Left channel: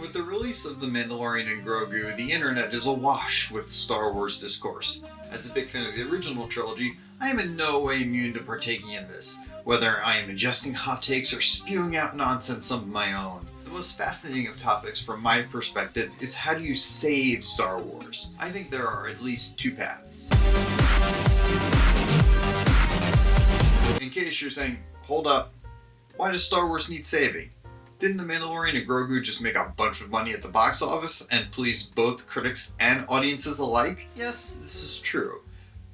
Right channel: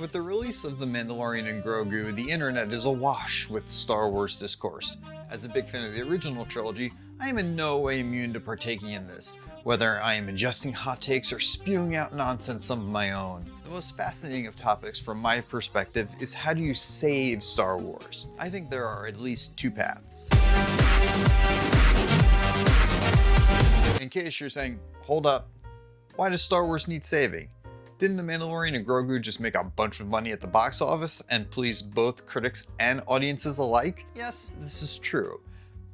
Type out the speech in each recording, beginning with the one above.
With the release of The Mandalorian and Grogu, the internet is awash with Star Wars discourse. As a big fan of the original trilogy, I am in no way immune to partaking in this, whether I am ingesting hot takes or spewing out nonsense of my own. The most fascinating of topics from my perspective is how do you save Star Wars? I think there are at least two paths. In case you're saying, hold up, why does Star Wars need saving? Didn't The Mandalorian and Grogu just make a bunch of money at the box office and please both critics and audiences alike? Yes, this is true.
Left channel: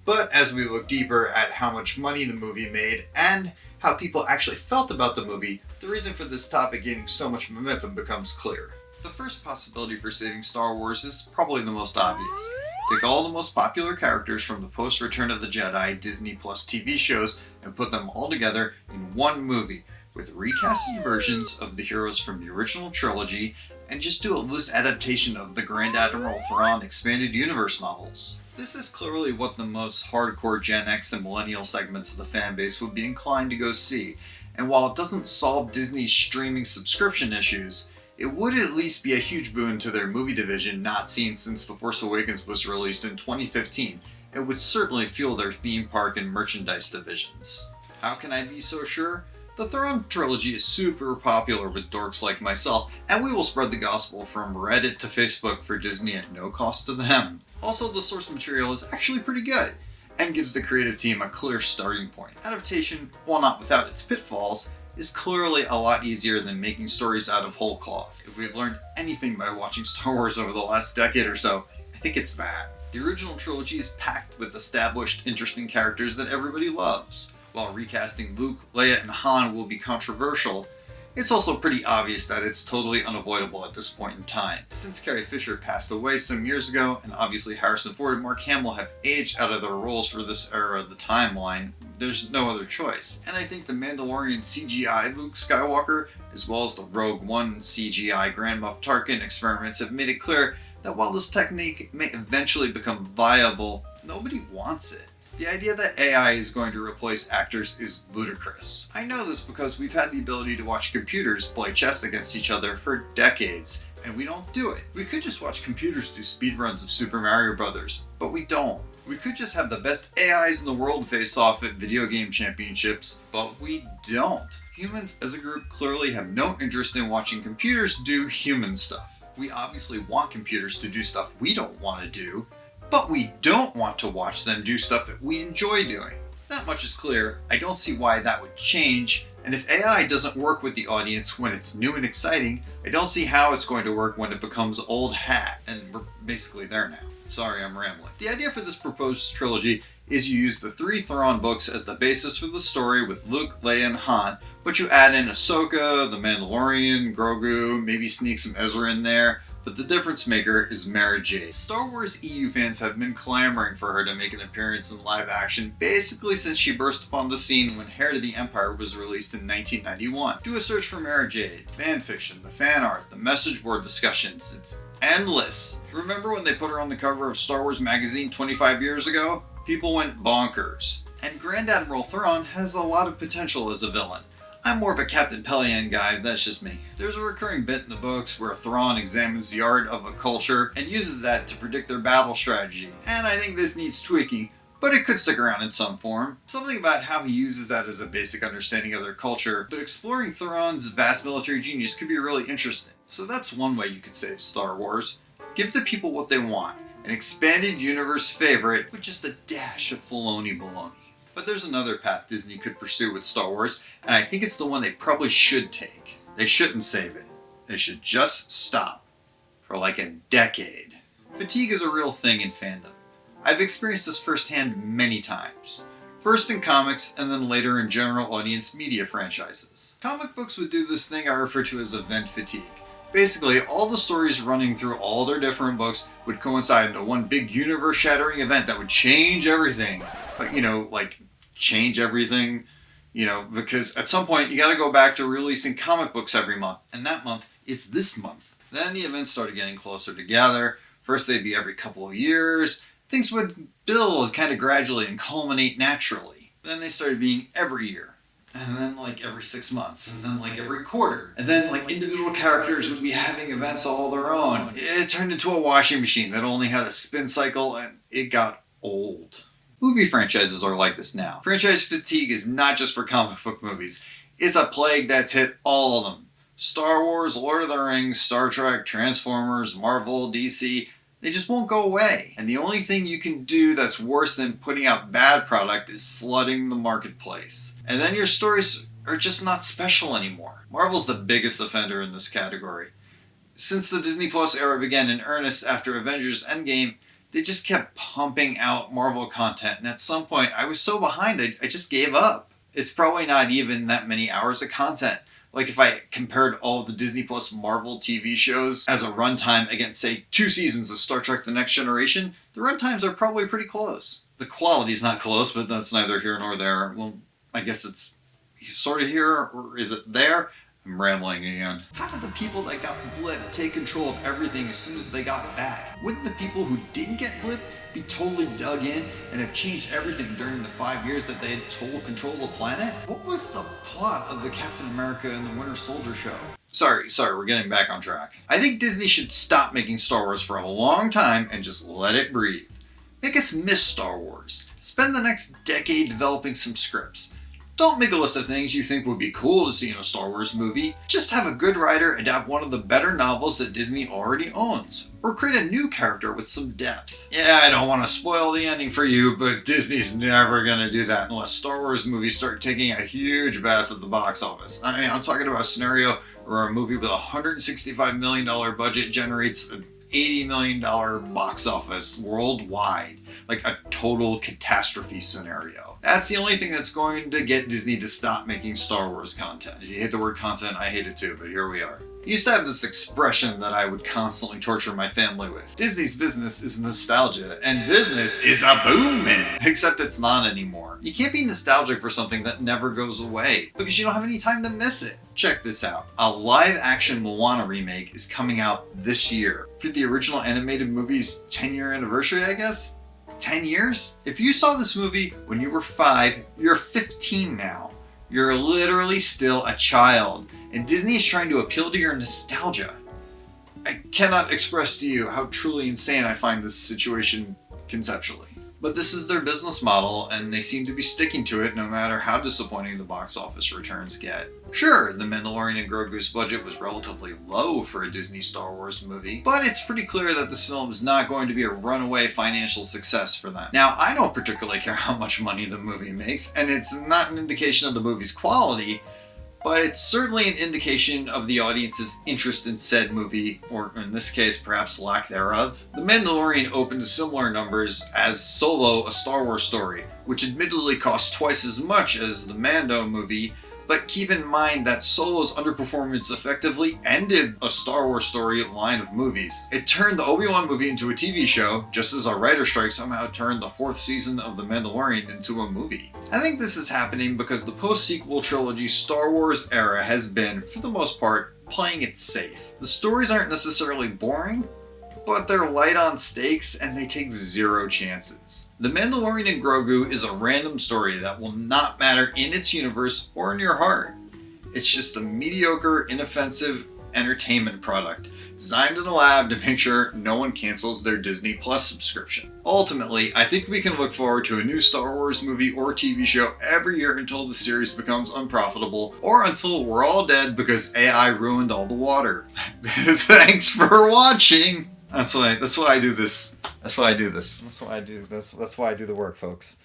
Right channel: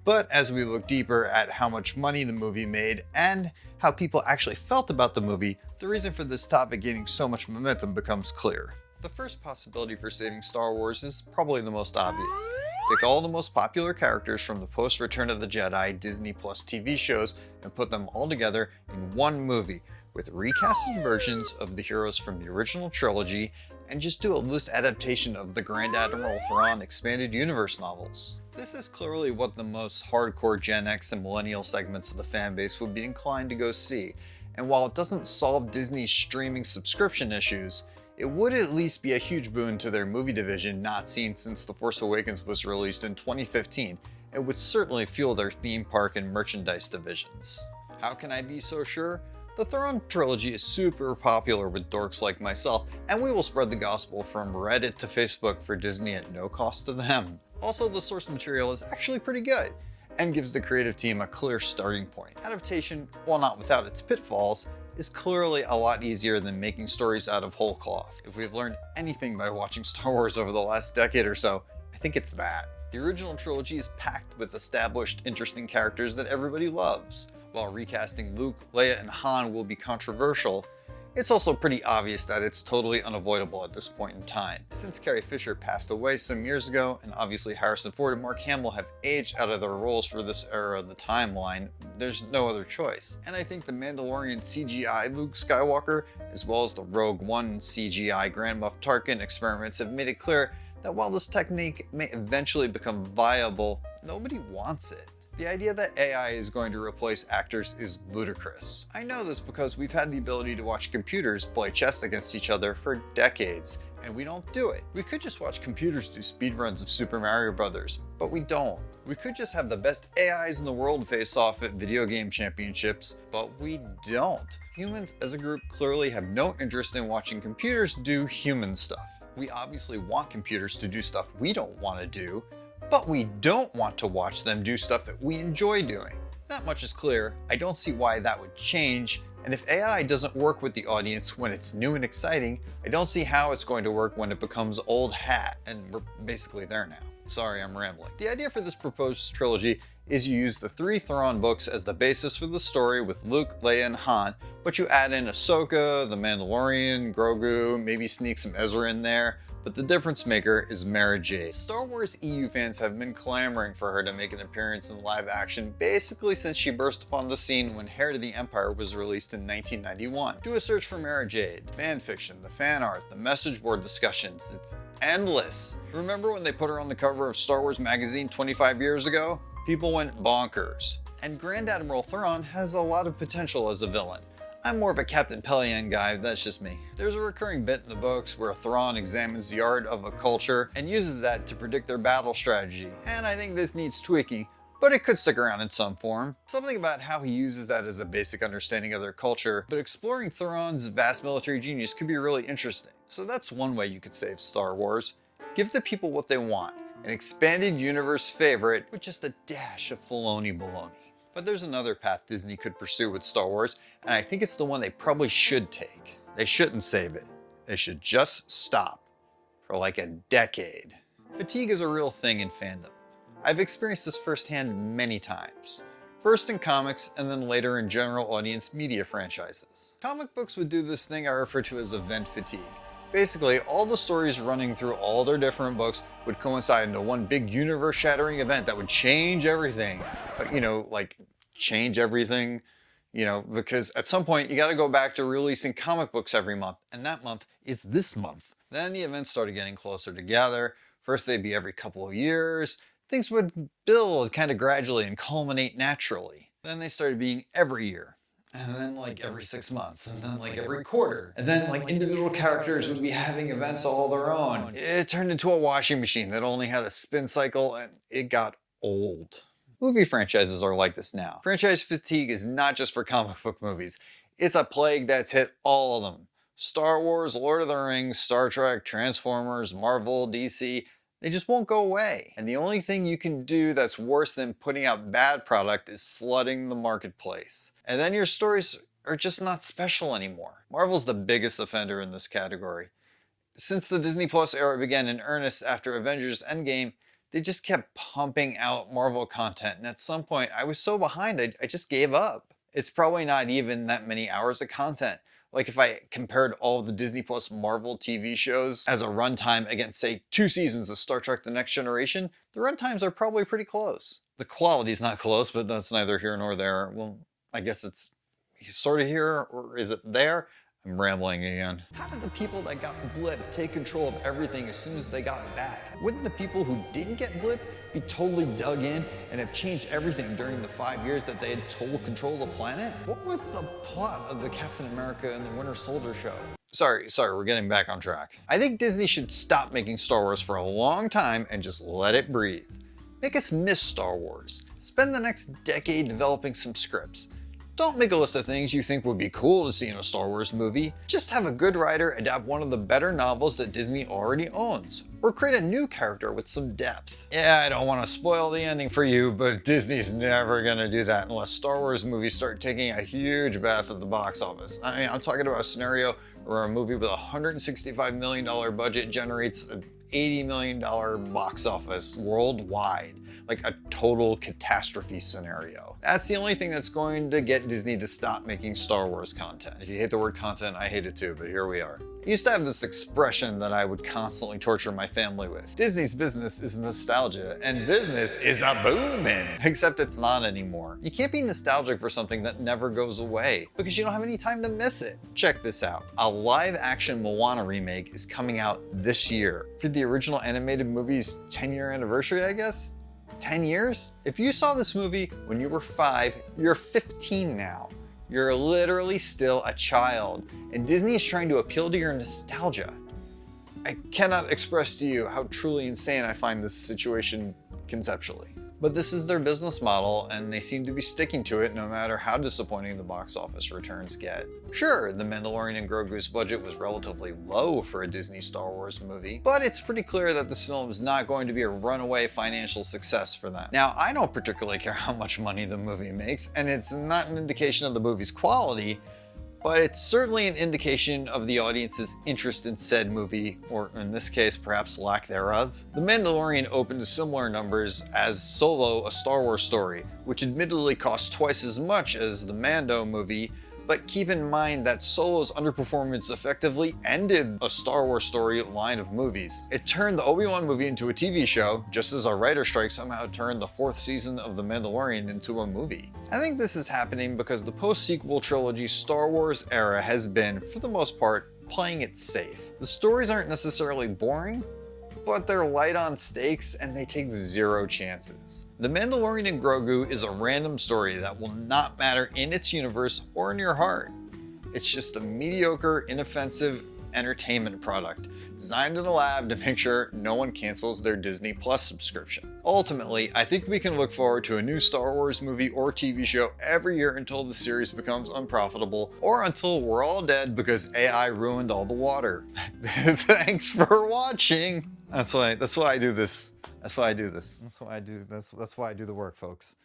But as we look deeper at how much money the movie made and how people actually felt about the movie, the reason for this topic gaining so much momentum becomes clear. The first possibility for saving Star Wars is probably the most obvious. Take all the most popular characters from the post-Return of the Jedi Disney Plus TV shows and put them all together in one movie, with recasted versions of the heroes from the original trilogy, and just do a loose adaptation of the Grand Admiral Thrawn expanded universe novels. This is clearly what the most hardcore Gen X and millennial segments of the fanbase would be inclined to go see, and while it doesn't solve Disney's streaming subscription issues, it would at least be a huge boon to their movie division not seen since The Force Awakens was released in 2015, and would certainly fuel their theme park and merchandise divisions. How can I be so sure? The Thrawn Trilogy is super popular with dorks like myself, and we will spread the gospel from Reddit to Facebook for Disney at no cost to them. Also, the source material is actually pretty good, and gives the creative team a clear starting point. Adaptation, while not without its pitfalls, is clearly a lot easier than making stories out of whole cloth. If we've learned anything by watching Star Wars over the last decade or so, I think it's that. The original trilogy is packed with established, interesting characters that everybody loves. While recasting Luke, Leia, and Han will be controversial, it's also pretty obvious that it's totally unavoidable at this point in time. Since Carrie Fisher passed away some years ago, and obviously Harrison Ford and Mark Hamill have aged out of their roles for this era of the timeline, there's no other choice. And I think the Mandalorian CGI Luke Skywalker, as well as the Rogue One CGI Grand Moff Tarkin experiments have made it clear that while this technique may eventually become viable, nobody wants it. The idea that AI is going to replace actors is ludicrous. I know this because we've had the ability to watch computers play chess against each other for decades, and we don't do it. We could just watch computers do speedruns of Super Mario Bros., but we don't. We could just have the best AIs in the world face off at video game championships, but we don't. Humans as a group clearly have no interest in watching computers do human stuff. We obviously want computers to do stuff we don't want to do, but we don't want to watch them do stuff that we enjoy doing. That much is clear. I don't see why that would change, and if AI doesn't work with the audience when it's new and exciting, I don't see how it's going to work when it becomes old hat, and we're basically there now. Sorry, I'm rambling. The idea for this proposed trilogy is you use the 3 Thrawn books as the basis for the story with Luke, Leia, and Han, but you add in Ahsoka, the Mandalorian, Grogu, maybe sneak some Ezra in there, but the difference maker is Mara Jade. Star Wars EU fans have been clamoring for her to make an appearance in live action basically since she burst upon the scene when Heir to the Empire was released in 1991. Do a search for Mara Jade. Fanfiction, the fan art, the message board discussions, it's endless. Remember when they put her on the cover of Star Wars magazine 25 years ago? People went bonkers. And Grand Admiral Thrawn has a lot of potential as a villain. I'm more of a Captain Pelion guy, that's just me. There's a recurring bit in the books where Thrawn examines the art of a culture and uses that to predict their battle strategy. And I think this needs tweaking, but it could stick around in some form. Something about how he uses that as a basic understanding of their culture, but exploring Thrawn's vast military genius could be really interesting. So that's one way you could save Star Wars. Give the people what they want, an expanded universe favorite with just a dash of Filoni baloney. But there's another path Disney could pursue with Star Wars, and I think it's the one they probably should take. They shouldn't save it. They should just stop. For like a decade. Fatigue is a real thing in fandom. I've experienced this firsthand many times. First in comics, and then later in general audience media franchises. Comic books would do this thing I refer to as event fatigue. Basically, all the stories running through all their different books would coincide into one big universe-shattering event that would change everything. But, like, change everything, because at some point you gotta go back to releasing comic books every month, and that month is this month. Then the events started getting closer together. First they'd be every couple of years. Things would build kind of gradually and culminate naturally. Then they started being every year. and then like every 6 months, and then like every quarter, and then like individual characters would be having events all their own. It turned into a washing machine that only had a spin cycle, and it got old. Movie franchises are like this now. Franchise fatigue is not just for comic book movies. It's a plague that's hit all of them. Star Wars, Lord of the Rings, Star Trek, Transformers, Marvel, DC, they just won't go away. And the only thing you can do that's worse than putting out bad product is flooding the marketplace. And then your stories are just not special anymore. Marvel's the biggest offender in this category. Since the Disney Plus era began in earnest after Avengers Endgame, they just kept pumping out Marvel content, and at some point I was so behind I just gave up. It's probably not even that many hours of content. Like if I compared all of the Disney Plus Marvel TV shows as a runtime against, say, 2 seasons of Star Trek The Next Generation, the runtimes are probably pretty close. The quality's not close, but that's neither here nor there. Well, I guess it's sort of here, or is it there? I'm rambling again. How did the people that got Blip take control of everything as soon as they got back? Wouldn't the people who didn't get Blip be totally dug in and have changed everything during the 5 years that they had total control of the planet? What was the plot of the Captain America and the Winter Soldier show? Sorry, we're getting back on track. I think Disney should stop making Star Wars for a long time and just let it breathe. Make us miss Star Wars. Spend the next decade developing some scripts. Don't make a list of things you think would be cool to see in a Star Wars movie. Just have a good writer adapt one of the better novels that Disney already owns. Or create a new character with some depth. Yeah, I don't want to spoil the ending for you, but Disney's never gonna do that unless Star Wars movies start taking a huge bath at the box office. I mean, I'm talking about a scenario where a movie with a $165 million budget generates an $80 million box office worldwide. Like a total catastrophe scenario. That's the only thing that's going to get Disney to stop making Star Wars content. If you hate the word content, I hate it too, but here we are. I used to have this expression that I would constantly torture my family with. Disney's business is nostalgia, and business is a booming. Except it's not anymore. You can't be nostalgic for something that never goes away, because you don't have any time to miss it. Check this out. A live-action Moana remake is coming out this year. For the original animated movie's 10-year anniversary, I guess? 10 years? If you saw this movie when you were 5, you're 15 now. You're literally still a child, and Disney is trying to appeal to your nostalgia. I cannot express to you how truly insane I find this situation conceptually. But this is their business model, and they seem to be sticking to it no matter how disappointing the box office returns get. Sure, The Mandalorian and Grogu's budget was relatively low for a Disney Star Wars movie, but it's pretty clear that this film is not going to be a runaway financial success for them. Now, I don't particularly care how much money the movie makes, and it's not an indication of the movie's quality, but it's certainly an indication of the audience's interest in said movie, or in this case, perhaps lack thereof. The Mandalorian opened to similar numbers as Solo: A Star Wars Story, which admittedly cost twice as much as the Mando movie, but keep in mind that Solo's underperformance effectively ended a Star Wars Story line of movies. It turned the Obi-Wan movie into a TV show, just as a writer's strike somehow turned the 4th season of The Mandalorian into a movie. I think this is happening because the post-sequel trilogy Star Wars era has been, for the most part, playing it safe. The stories aren't necessarily boring, but they're light on stakes and they take zero chances. The Mandalorian and Grogu is a random story that will not matter in its universe or in your heart. It's just a mediocre, inoffensive entertainment product designed in a lab to make sure no one cancels their Disney Plus subscription. Ultimately, I think we can look forward to a new Star Wars movie or TV show every year until the series becomes unprofitable, or until we're all dead because AI ruined all the water. Thanks for watching! That's why I do this. That's why I do the work, folks.